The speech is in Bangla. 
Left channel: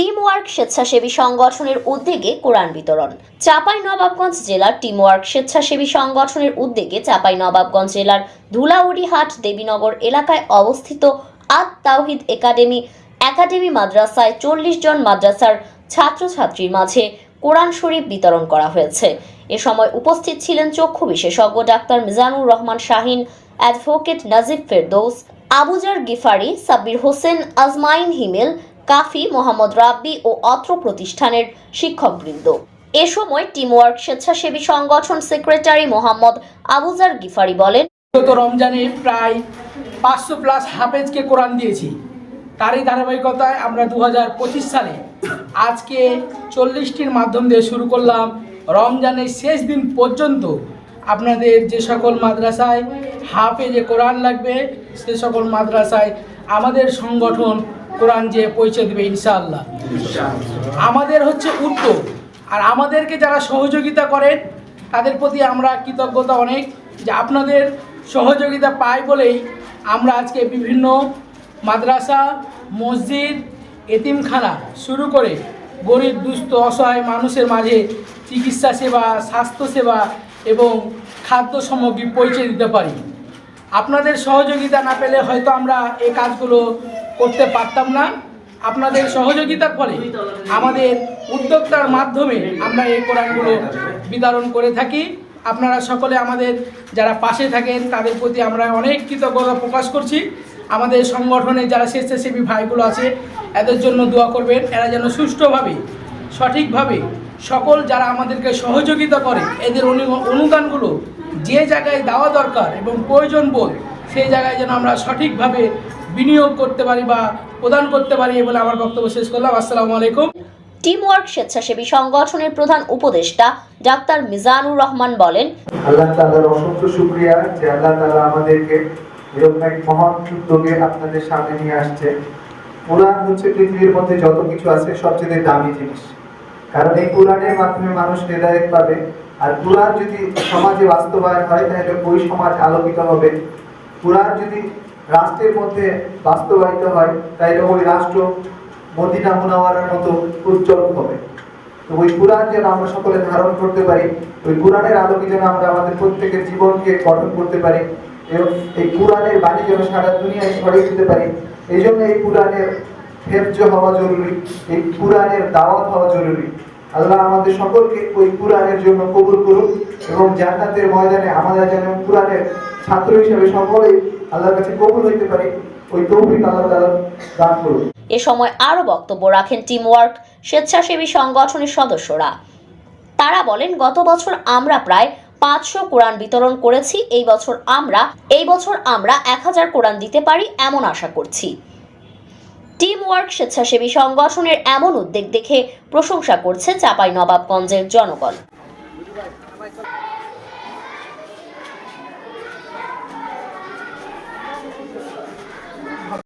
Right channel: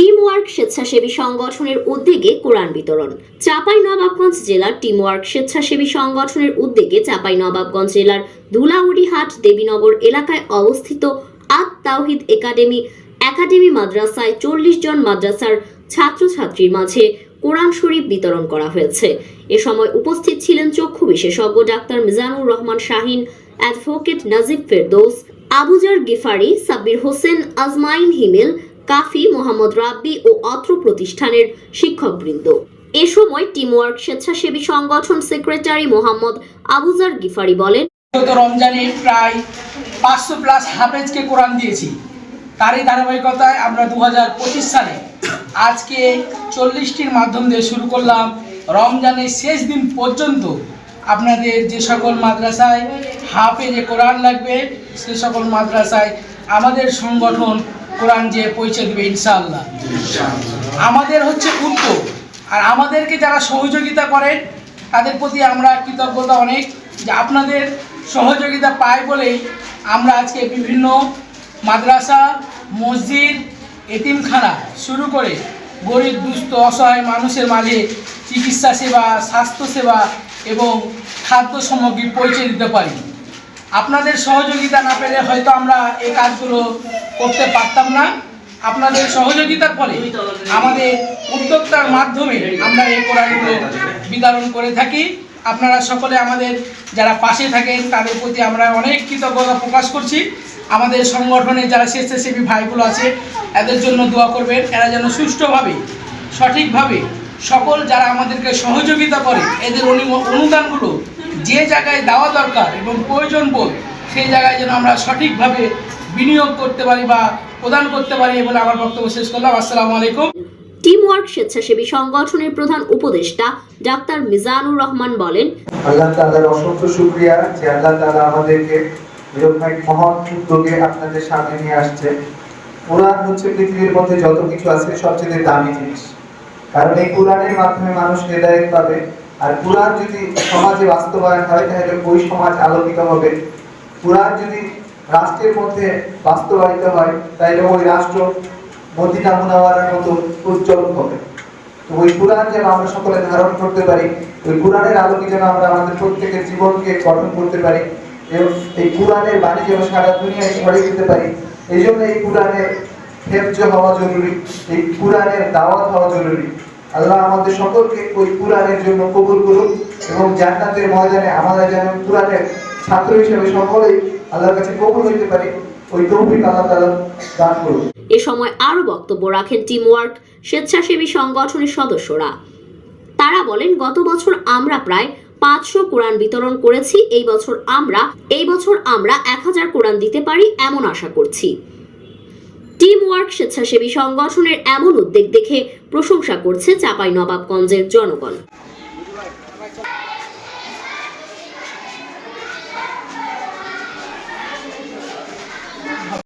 টিম ওয়ার্ক স্বেচ্ছাসেবী সংগঠনের উদ্যোগে কোরআন বিতরণ। চাঁপাইনবাবগঞ্জ জেলার টিম ওয়ার্ক স্বেচ্ছাসেবী সংগঠনের উদ্যোগে চাঁপাইনবাবগঞ্জ জেলার ধুলাউড়িহাট দেবীনগর এলাকায় অবস্থিত আত তাওহিদ একাডেমি মাদ্রাসায় 40 জন মাদ্রাসার ছাত্রছাত্রীর মাঝে কোরআন শরীফ বিতরণ করা হয়েছে। এ সময় উপস্থিত ছিলেন চক্ষু বিশেষজ্ঞ ডাক্তার মিজানুর রহমান শাহিন, অ্যাডভোকেট নাজিব ফেরদৌস, আবুজার গিফারি, সাব্বির হোসেন, আজমাইন হিমেল, কাফি, মোহাম্মদ রাব্বি ও অত্র প্রতিষ্ঠানের শিক্ষকবৃন্দ। এ সময় টিম ওয়ার্ক স্বেচ্ছাসেবী সংগঠন সেক্রেটারি মোহাম্মদ আবুজার গিফারি বলেন, গত রমজানে প্রায় 500+ হাফেজকে কোরআন দিয়েছি। তারই ধারাবাহিকতায় আমরা 2025 সালে আজকে 40টির মাধ্যম দিয়ে শুরু করলাম। রমজানের শেষ দিন পর্যন্ত আপনাদের যে সকল মাদ্রাসায় হাফেজে কোরআন লাগবে সে সকল মাদ্রাসায় আমাদের সংগঠন কোরআন যে পৌঁছে দেবে ইনশাআল্লাহ। আমাদের হচ্ছে উদ্যোগ, আর আমাদেরকে যারা সহযোগিতা করেন তাদের প্রতি আমরা কৃতজ্ঞতা অনেক, যে আপনাদের সহযোগিতা পাই বলেই আমরা আজকে বিভিন্ন মাদ্রাসা, মসজিদ, এতিমখানা শুরু করে গরিব দুস্থ অসহায় মানুষের মাঝে চিকিৎসা সেবা, স্বাস্থ্যসেবা এবং খাদ্য সামগ্রী পৌঁছে দিতে পারি। আপনাদের সহযোগিতা না পেলে হয়তো আমরা এই কাজগুলো করতে পারতাম না। আপনাদের সহযোগিতার ফলে আমাদের উদ্যোক্তার মাধ্যমে আমরা এই কোরআনগুলো বিতরণ করে থাকি। আপনারা সকলে আমাদের যারা পাশে থাকেন তাদের প্রতি আমরা অনেক কৃতজ্ঞতা প্রকাশ করছি। আমাদের সংগঠনে যারা স্বেচ্ছাসেবী ভাইগুলো আছে এদের জন্য দোয়া করবেন, এরা যেন সুষ্ঠুভাবে সঠিকভাবে সকল যারা আমাদেরকে সহযোগিতা করে এদের অনুদানগুলো যে জায়গায় দেওয়া দরকার এবং প্রয়োজন বোধ সেই জায়গায় যেন আমরা সঠিকভাবে বিনিয়োগ করতে পারি বা প্রদান করতে পারি বলে আমার বক্তব্য শেষ করলাম। আসসালামু আলাইকুম। টিম ওয়ার্ক স্বেচ্ছাসেবী সংগঠনের প্রধান উপদেষ্টা ডাক্তার মিজানুর রহমান বলেন, আল্লাহ তাআলার অসংখ্য শুকরিয়া যে আল্লাহ তাআলা আমাদেরকে এরকম এক মহৎ উদ্যোগে আপনাদের সামনে নিয়ে আসছে। কোরআন হচ্ছে পৃথিবীর মধ্যে যত কিছু আছে সবচেয়ে দামি জিনিস, কারণ এই কোরআনের মাধ্যমে মানুষ হেদায়েত পাবে। আর কোরআন যদি সমাজে বাস্তবায়ন হয় তাহলে ওই সমাজ আলোকিত হবে। কোরআন যদি রাষ্ট্রের মধ্যে বাস্তবায়িত হয় তাহলে ওই রাষ্ট্র মদিনা মুনাওয়ারার মতো উজ্জ্বল হবে। তো ওই কোরআন যেন আমরা সকলে ধারণ করতে পারি, ওই কোরআনের আলোকে যেন আমরা আমাদের প্রত্যেকের জীবনকে গঠন করতে পারি এবং এই কোরআনের বাণী যেন সারা দুনিয়ায় ছড়িয়ে দিতে পারি। এই জন্য এই কোরআনের হেফজ হওয়া জরুরি, এই কোরআনের দাওয়াত হওয়া জরুরি। আল্লাহ আমাদের সকলকে ওই কোরআনের জন্য কবুল করুন এবং জান্নাতের ময়দানে আমরা যেন কোরআনের ছাত্র হিসেবে সকলেই আল্লাহর কাছে কবুল হইতে পারি, ওই তৌফিক আল্লাহ তাআলা দান করুন। এ সময় আরও বক্তব্য রাখেন টিম ওয়ার্ক স্বেচ্ছাসেবী সংগঠনের সদস্যরা। তারা বলেন, গত বছর আমরা প্রায় 500 কোরআন বিতরণ করেছি। এই বছর আমরা 1000 কোরআন দিতে পারি এমন আশা করছি। টিম ওয়ার্ক স্বেচ্ছাসেবী সংগঠনের এমন উদ্যোগ দেখে প্রশংসা করছে চাঁপাইনবাবগঞ্জের জনগণ।